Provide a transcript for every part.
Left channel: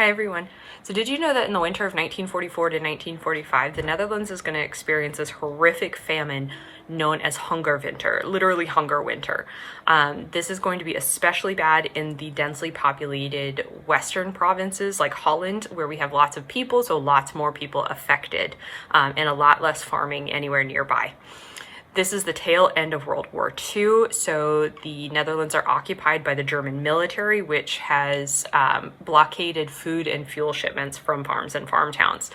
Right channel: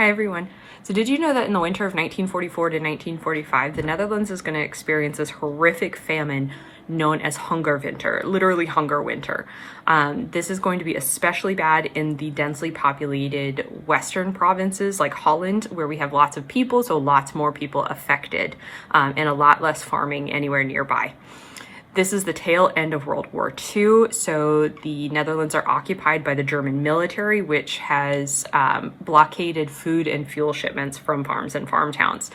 Hi everyone. So did you know that in the winter of 1944 to 1945, the Netherlands is going to experience this horrific famine known as Hongerwinter, literally hunger winter. This is going to be especially bad in the densely populated western provinces like Holland, where we have lots of people, so lots more people affected, and a lot less farming anywhere nearby. This is the tail end of World War II, so the Netherlands are occupied by the German military, which has blockaded food and fuel shipments from farms and farm towns.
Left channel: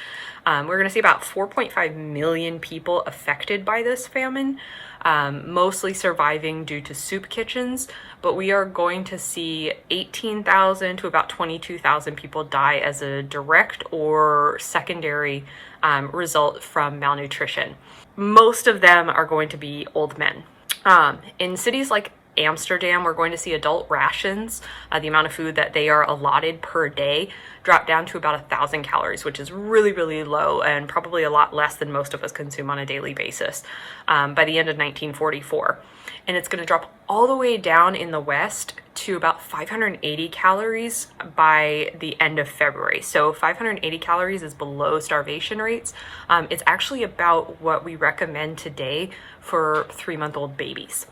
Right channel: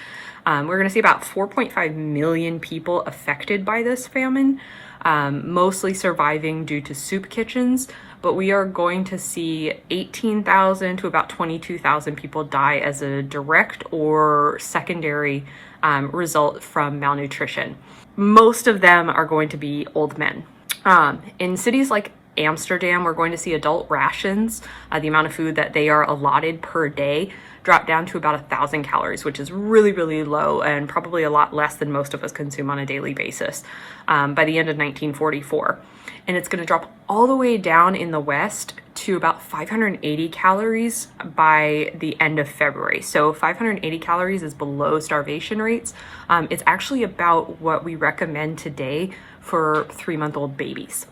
We're going to see about 4.5 million people affected by this famine, mostly surviving due to soup kitchens, but we are going to see 18,000 to about 22,000 people die as a direct or secondary result from malnutrition. Most of them are going to be old men. In cities like Amsterdam, we're going to see adult rations, the amount of food that they are allotted per day, drop down to about 1,000 calories, which is really, really low and probably a lot less than most of us consume on a daily basis by the end of 1944. And it's going to drop all the way down in the West to about 580 calories by the end of February. So 580 calories is below starvation rates. It's actually about what we recommend today for 3-month-old babies,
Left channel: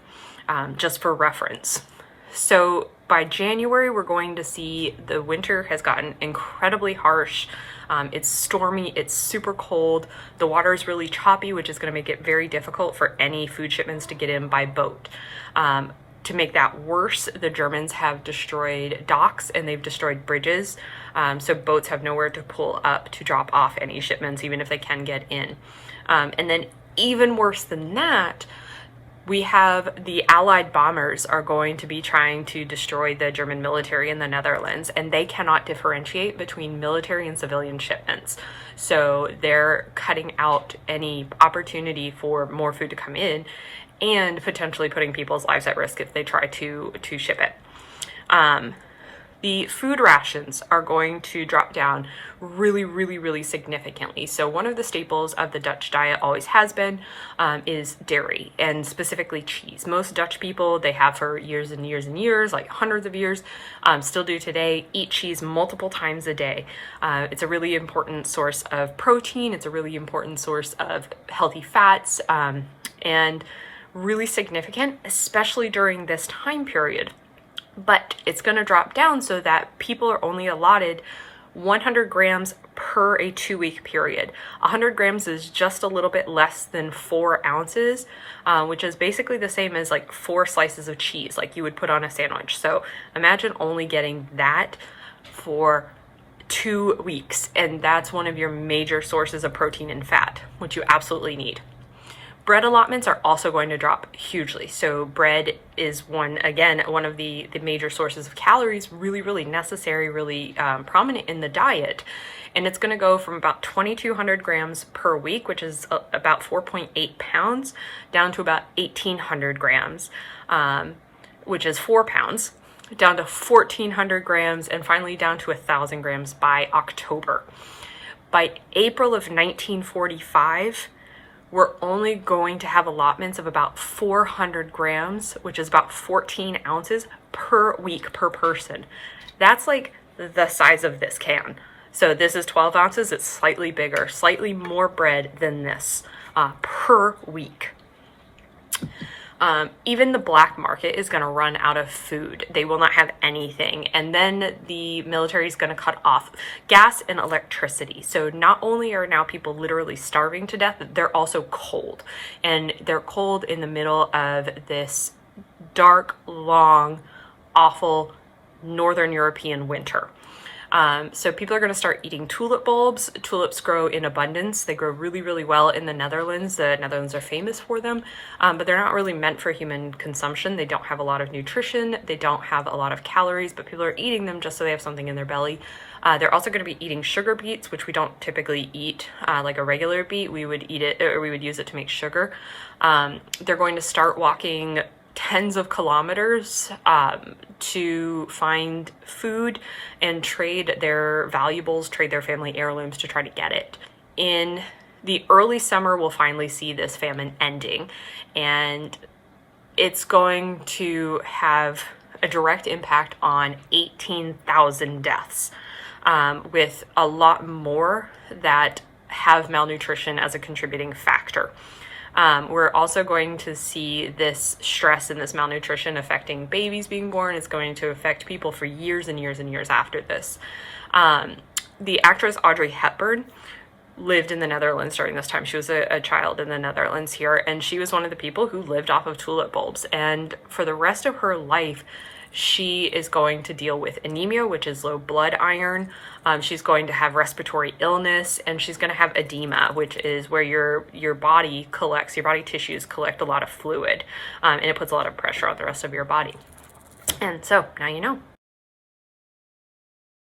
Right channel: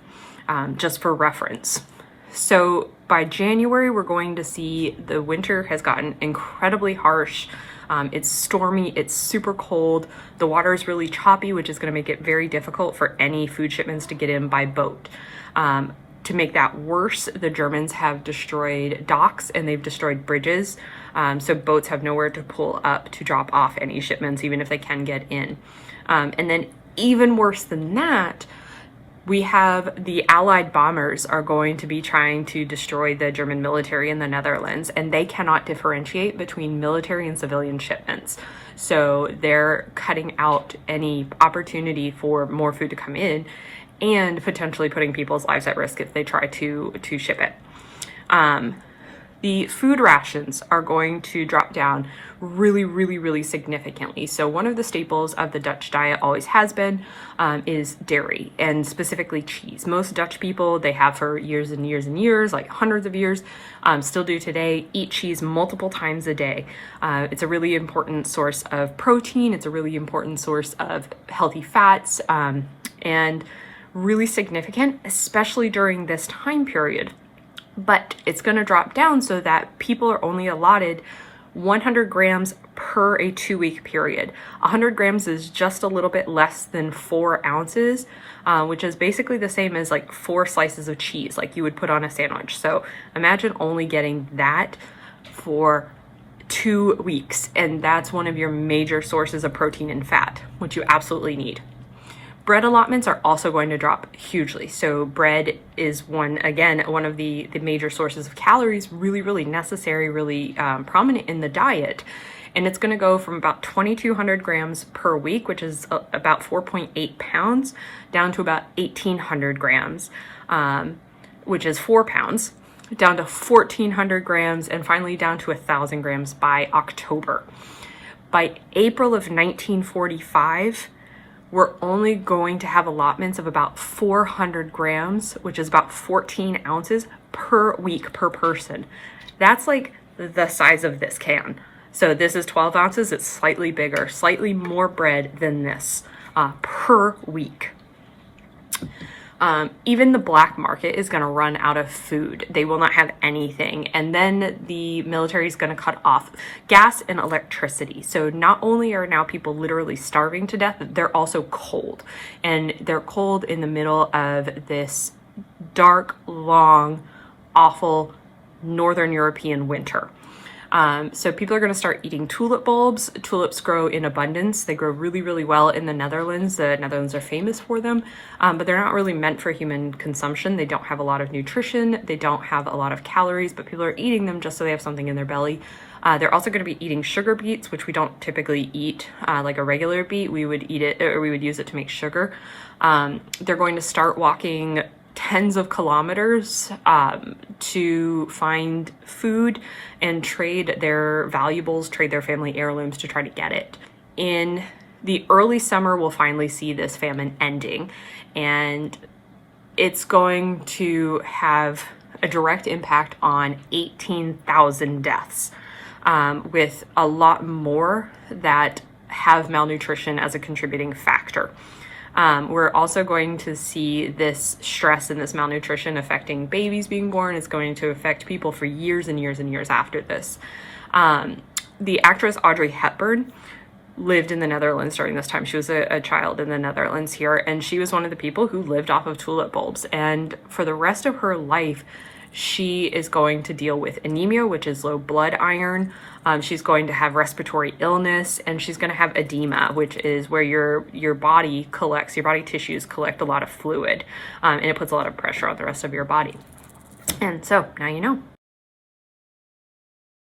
just for reference. So by January, we're going to see the winter has gotten incredibly harsh. It's stormy, it's super cold, the water is really choppy, which is going to make it very difficult for any food shipments to get in by boat. To make that worse, the Germans have destroyed docks and they've destroyed bridges, so boats have nowhere to pull up to drop off any shipments, even if they can get in. And then even worse than that, we have the Allied bombers are going to be trying to destroy the German military in the Netherlands, and they cannot differentiate between military and civilian shipments. So they're cutting out any opportunity for more food to come in and potentially putting people's lives at risk if they try to ship it. The food rations are going to drop down really, really, really significantly. So one of the staples of the Dutch diet always has been is dairy, and specifically cheese. Most Dutch people, they have for years and years and years, like hundreds of years, still do today, eat cheese multiple times a day. It's a really important source of protein. It's a really important source of healthy fats, and really significant, especially during this time period. But it's going to drop down so that people are only allotted 100 grams per a 2-week period. 100 grams is just a little bit less than 4 ounces, which is basically the same as like 4 slices of cheese, like you would put on a sandwich. So imagine only getting that for 2 weeks, and that's one of your major sources of protein and fat, which you absolutely need. Bread allotments are also going to drop hugely. So bread is one of the major sources of calories, really, really necessary, really prominent in the diet. And it's going to go from about 2,200 grams per week, which is about 4.8 pounds, down to about 1,800 grams, which is 4 pounds, down to 1,400 grams, and finally down to 1,000 grams by October. By April of 1945, we're only going to have allotments of about 400 grams, which is about 14 ounces per week per person. That's like the size of this can. So this is 12 ounces, it's slightly bigger, slightly more bread than this per week. Even the black market is going to run out of food. They will not have anything. And then the military is going to cut off gas and electricity. So not only are now people literally starving to death, they're also cold. And they're cold in the middle of this dark, long, awful Northern European winter. So people are going to start eating tulip bulbs. Tulips grow in abundance. They grow really, really well in the Netherlands. The Netherlands are famous for them, but they're not really meant for human consumption. They don't have a lot of nutrition. They don't have a lot of calories, but people are eating them just so they have something in their belly. They're also going to be eating sugar beets, which we don't typically eat like a regular beet. We would eat it, or we would use it to make sugar. They're going to start walking tens of kilometers to find food and trade their valuables, trade their family heirlooms to try to get it. In the early summer, we'll finally see this famine ending, and it's going to have a direct impact on 18,000 deaths. with a lot more that have malnutrition as a contributing factor. We're also going to see this stress and this malnutrition affecting babies being born. It's going to affect people for years and years and years after this. The actress Audrey Hepburn lived in the Netherlands during this time. She was a child in the Netherlands here, and she was one of the people who lived off of tulip bulbs. And for the rest of her life, she is going to deal with anemia, which is low blood iron. She's going to have respiratory illness, and she's going to have edema, which is where your body tissues collect a lot of fluid, and it puts a lot of pressure on the rest of your body. And so now you know.